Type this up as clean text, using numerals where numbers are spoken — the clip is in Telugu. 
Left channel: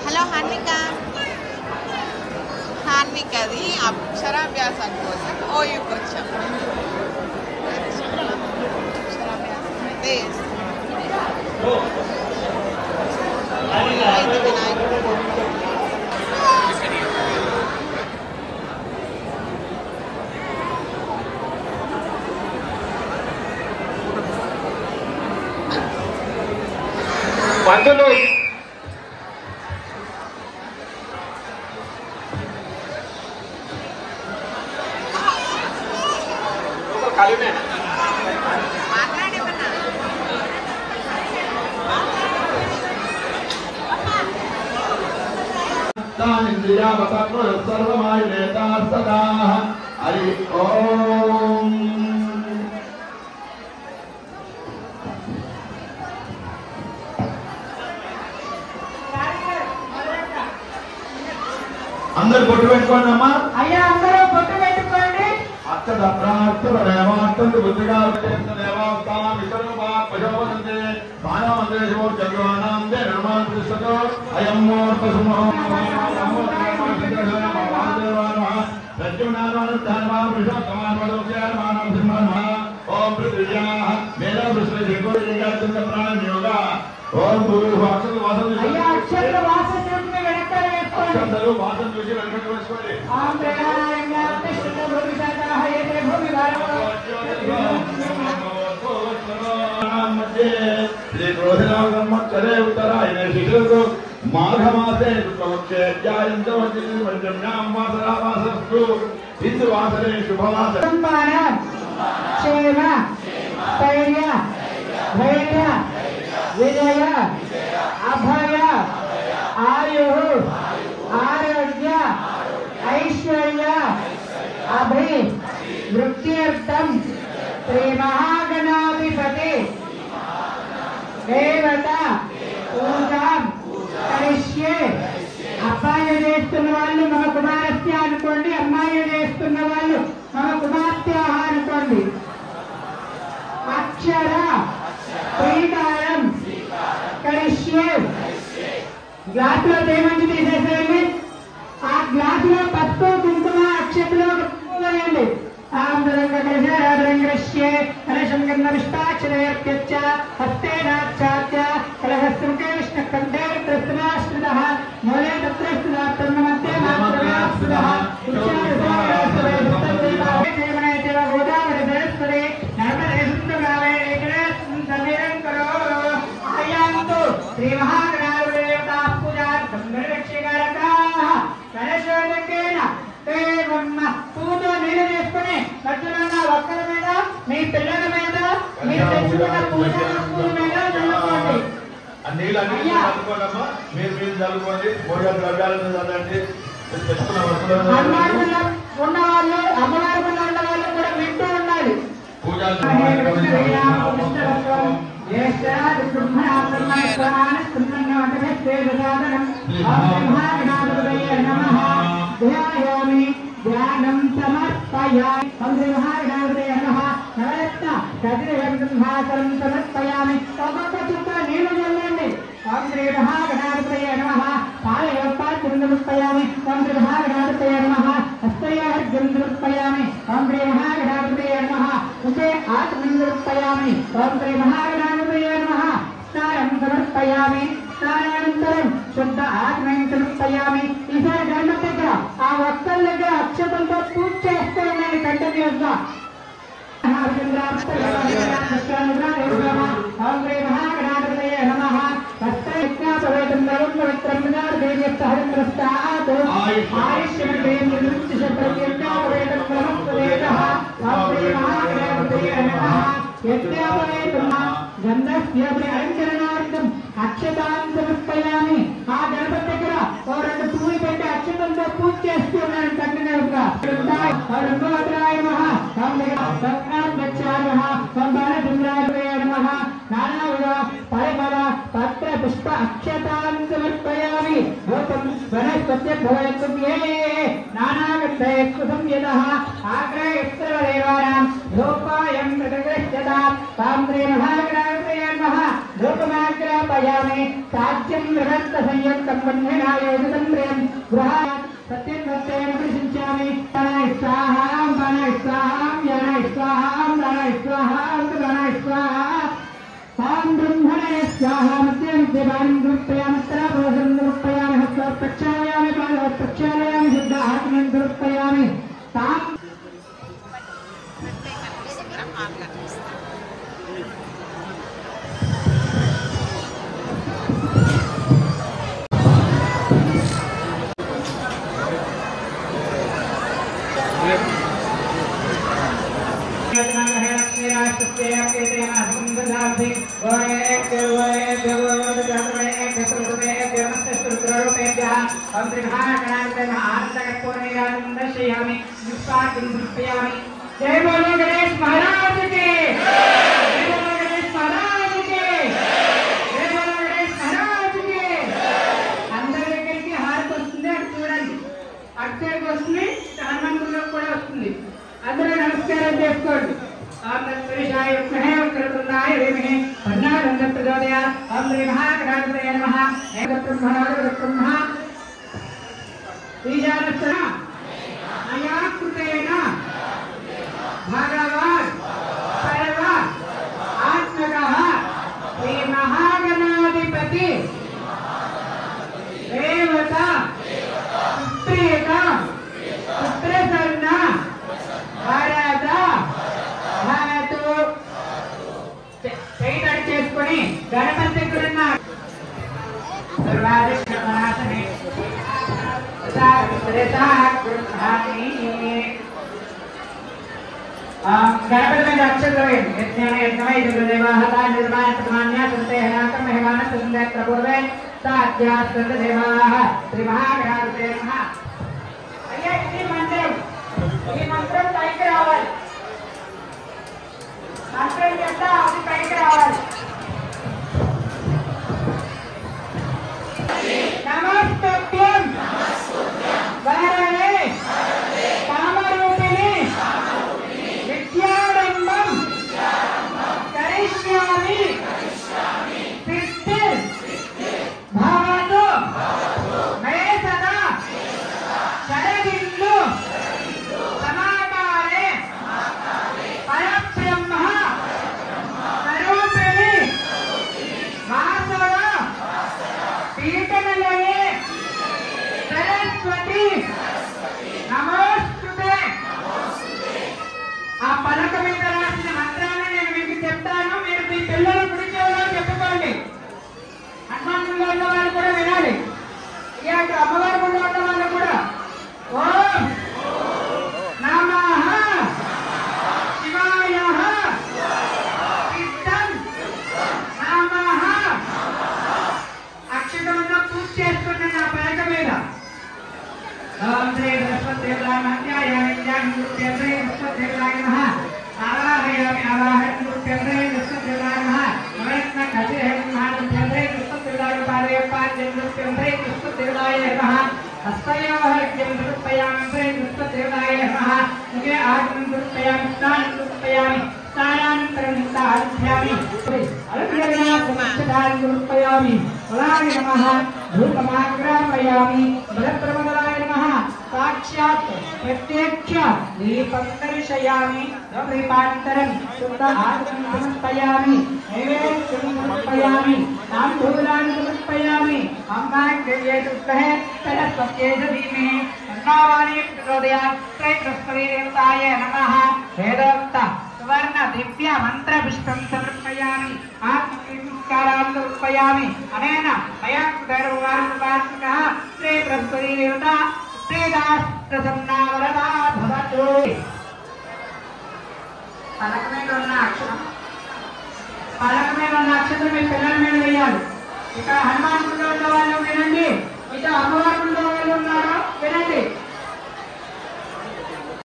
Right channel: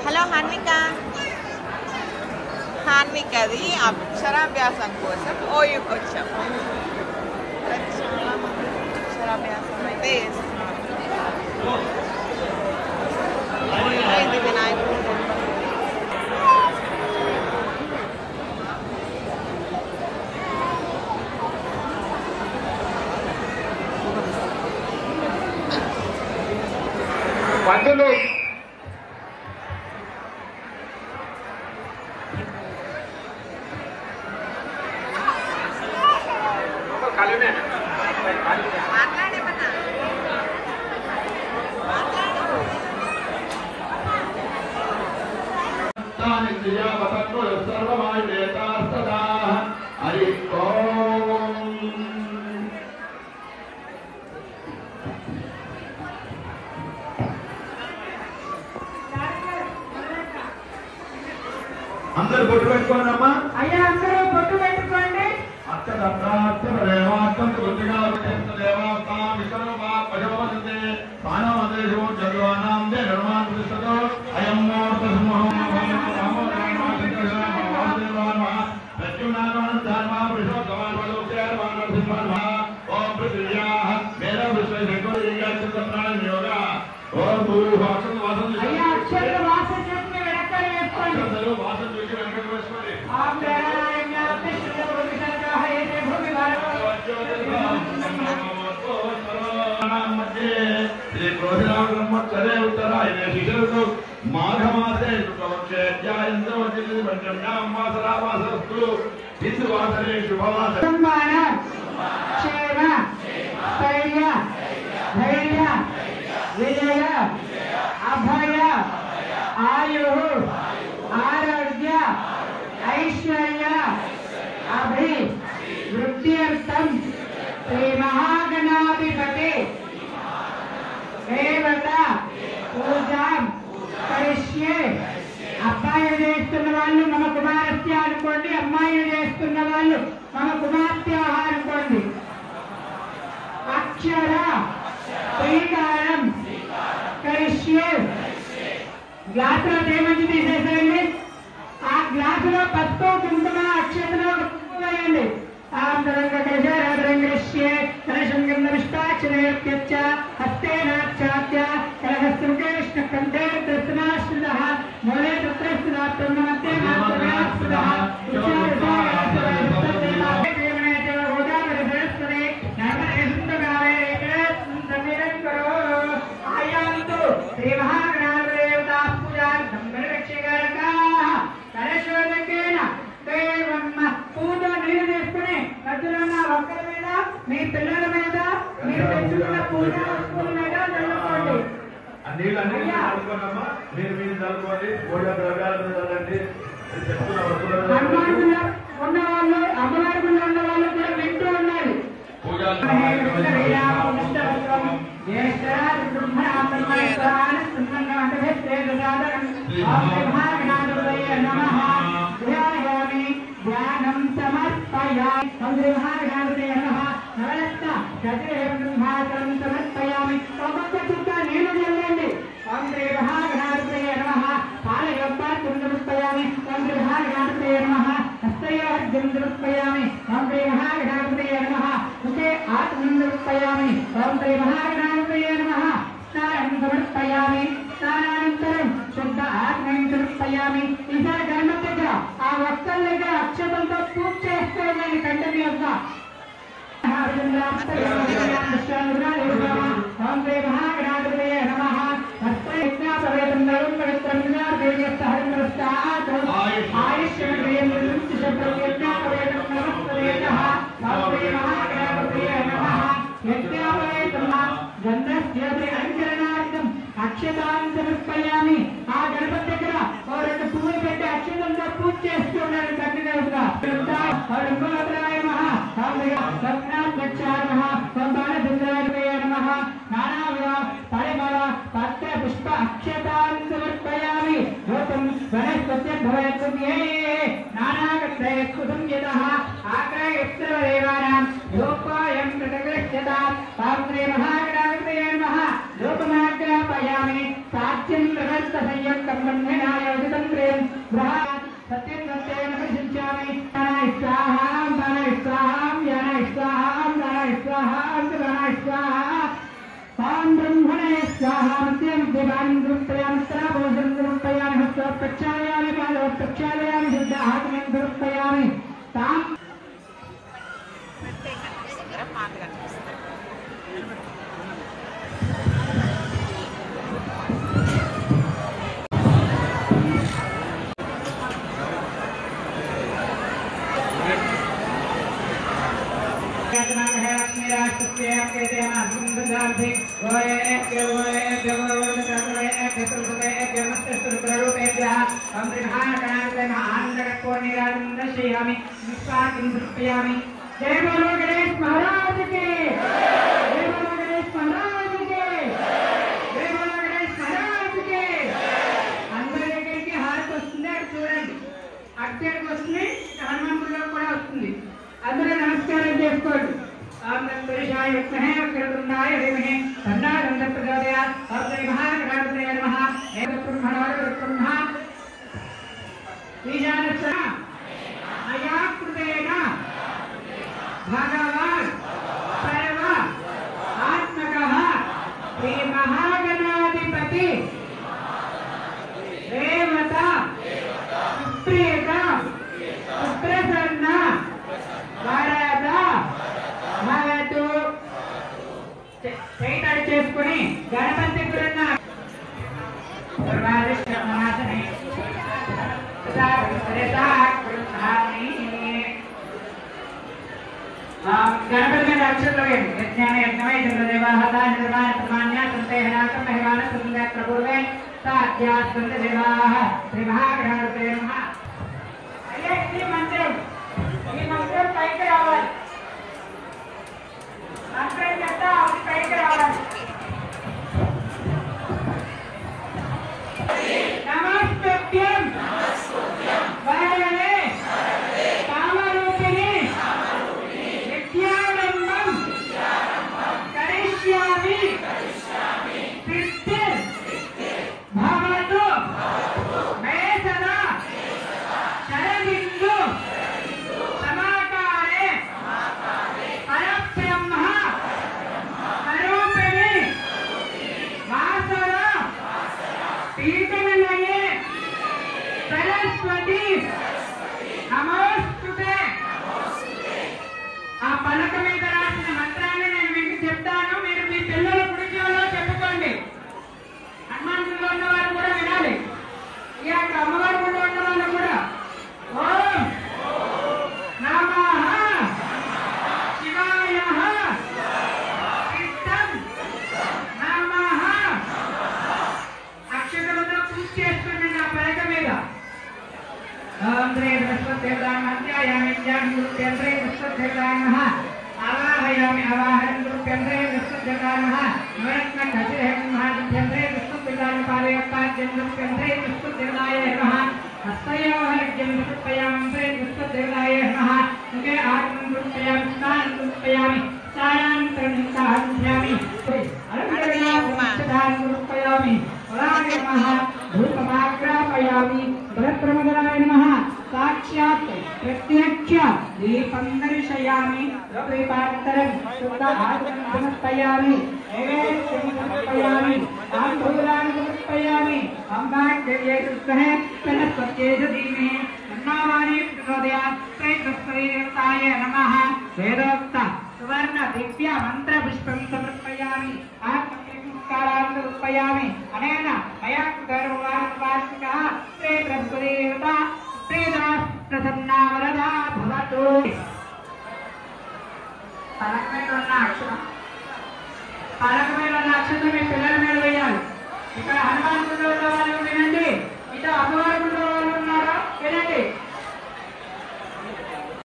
హలో హాన్వికది అక్షరాభ్యాసం కోసం ఓయూకి వచ్చాం. అక్షరాభ్యాసం అయితే వినాయకుడు పంతులు అందరు బొట్టు పెట్టుకోండి అమ్మా. అయ్యా అందరూ బొట్టు పెట్టుకోండి. అక్కడ ప్రార్థన దేవార్థం బుద్ధిగా దేవార్థం ఇతరు ప్రజోదంతే బాణమందే చంద్రవానాందే నిర్మాణతో అయం మూర్త శిశువుకు మాఘమాసే మాసరామాసస్తు హిందువాసనే శుభమాస ధైర్య విజయ అభయ ఆయు ఆరోగ్య ఐశ్వర్య అభి వృత్త్యర్థం శ్రీ మహాగణాధిపతి దేవత పూజాం కరిష్యే. అబ్బాయిలు చేస్తున్న వాళ్ళు మన కుమారస్య అనుకోండి, అమ్మాయిలు చేస్తున్న వాళ్ళు మన కుమార్తె అనుకోండి. అక్షర శ్రీకారం కరిష్యే. గ్లాసులో తేమంచి తీసేసేయండి. ఆ గ్లాసులో పసుపు కుంకుమ అక్షతలో వేయండి. పూజ మీరు చేసుకుని మధ్యలో ఒక్కల మీద మీ పిల్లల మీద మీరు తెచ్చుకున్న పూజ మీద ఉన్న వాళ్ళు అమ్మవారిలో ఉన్న వాళ్ళు కూడా వింటూ ఉండాలి. ధ్యానం సమర్పయామి. సమర్పయామి. ఒక్కొక్క చుక్క నీళ్లు చల్లండి. శ్రీ మహాగణాధిపతయ నమః. పాలయోపాత్రం సమర్పయామి. శ్రీ మహాగణాధిపతయ నమః. హస్తయోర్ఘ్యం సమర్పయామి. శ్రీ మహాగణాధిపతయ నమః. ఉచే ఆత్మం సమర్పయామి. శ్రీ మహాగణాధిపతయ నమః. స్నానం సమర్పయామి. స్నానానంతరం శుద్ధ ఆత్మం సమర్పయామి. ఈసారి గండం దగ్గర ఆ ఒక్కల దగ్గర అక్షతంతో పూజ చేస్తూ ఉండండి. గండం యొక్క అలంకరణార్థం అక్షతాన్ని సమర్పయామి. ఆ గణపతి దగ్గర ఓ రెండు పూలు పెట్టి అక్షతంతో పూజ చేస్తూ ఉన్నాడు. కన్నుగా పరిమళ పత్ర పుష్ప అక్షతాన్ని సమర్పయామి. లోకమాగ్రాపయామి. సాధ్యం సంయుక్తం गृहात् सत्यं प्रसिञ्चामि प्राणाय स्वाहा प्राणाय स्वाहा यानाय स्वाहा प्राणाय स्वाहा प्राणाय स्वाहा तां ब्रह्मणे स्वाहा मत्यं देवान् गुरुपयामि त्राभोजं गुरुपयामि हस्तं प्रक्षालयामि पादं प्रक्षालयामि शुद्धात्मं गुरुपयामि तां जय बोलो गणेश महाराज के, जय बोलो गणेश महाराज के, जय बोलो गणेश महाराज के। अंदर దగ్గరికి హారతి వస్తుంది, అటు చూడండి, అటు సైడ్ వస్తుంది, హనుమంతుడిలో కూడా వస్తుంది. అందరూ నమస్కారం చేసుకోండి. ఆనందపురుషాయ విద్మహే వక్రతుండాయ ధీమహి తన్నో ప్రచోదయాత్. ఓం శ్రీ మహాగణాధిపతయే నమః. ఏకబ్రహ్మ ఈశానస్య మయా కృతేన भगवान सर्व आत्मकः श्री महागणाधिपति देवता सुप्रियता पुत्रसन्न वरद भवतु. కైట్ చేసుకొని గణపతి కృష్ణ సర్వాధిష్ఠానాసనే సర్వత్రేతా కృష్ణాని गणपति अक्षर यज्ञान यज्ञाय देवाहता निर्वाण प्रमाण्या संतेहनाथ मेहवान संध्यात्र पूर्वे साध्यात् देवाः श्री महागणाधिपतये नमः. अये ఈ మంత్రం పైకి రావాలి. మంత్రం చేత అది పైకి రావాలి. నమస్తుభ్యం వరదే కామరూపిణి भवतु मे सदा शरदिन्दु समाकारे परब्रह्म स्वरूपिणि वासव पीठनिलये सरस्वती नमोस्तुते. ఆ పలక మీద రాసిన మంత్రాన్ని నేను మీకు చెప్తాను, మీరు మీ పిల్లల గుడి చెవిలో చెప్పుకోండి. హనుమంతుడు ఉన్న వాళ్ళు కూడా వినాలి. ఇక అమ్మవారి గుడి ఉన్న వాళ్ళు కూడా ఓం నమః శివాయ సిద్ధం నమః అక్షతలతో పూజ చేసుకుని నా పలక మీద ఓం శ్రీ బృహస్పతిదేవాయ నమః. आवाहयामि आवाहन गुरुप्यन्ते विष्णुदेवाय नमः. नमस्ते घटिः महादेव्यन्ते विष्णुदेवाय पादयोपाद्यं गुरुप्यन्ते विष्णुदेवाय नमः. हस्तयोर्घ्यं गुरुप्यामि विष्णुदेवाय नमः. मुखे आत्मं गुरुप्यामि स्नानं गुरुप्यामि स्नानानन्तरं युक्ताहारयामि अलङ्कृतान् गुरुप्यामि फलानि नमः. धूपमाग्रापयामि भद्रमङ्गलाय नमः. साक्षात् प्रत्यक्ष दीपं दर्शयामि. दीपान्तरं शुद्ध आत्मं समर्पयामि. नैवेद्यं समर्पयामि. ताम्बूलानि समर्पयामि. अम्बाग्र्ये शुद्धः सरस्वत्यै धीमहि तन्नो प्रचोदयात्. श्रीकृष्णदेवताय नमः. वेदोक्त सुवर्ण दिव्य मंत्र पुष्पं समर्पयामि. आत्मनमस्कारान् समर्पयामि. अनेन अयं गर्वान्वासकः श्रीकृष्णदेवता श्रीदास प्रसन्ना वरदा भवतु. పలక మీద ఉన్న అక్షరం మీ పిల్లల మీద వేయాలి. ఇక్కడ హనుమ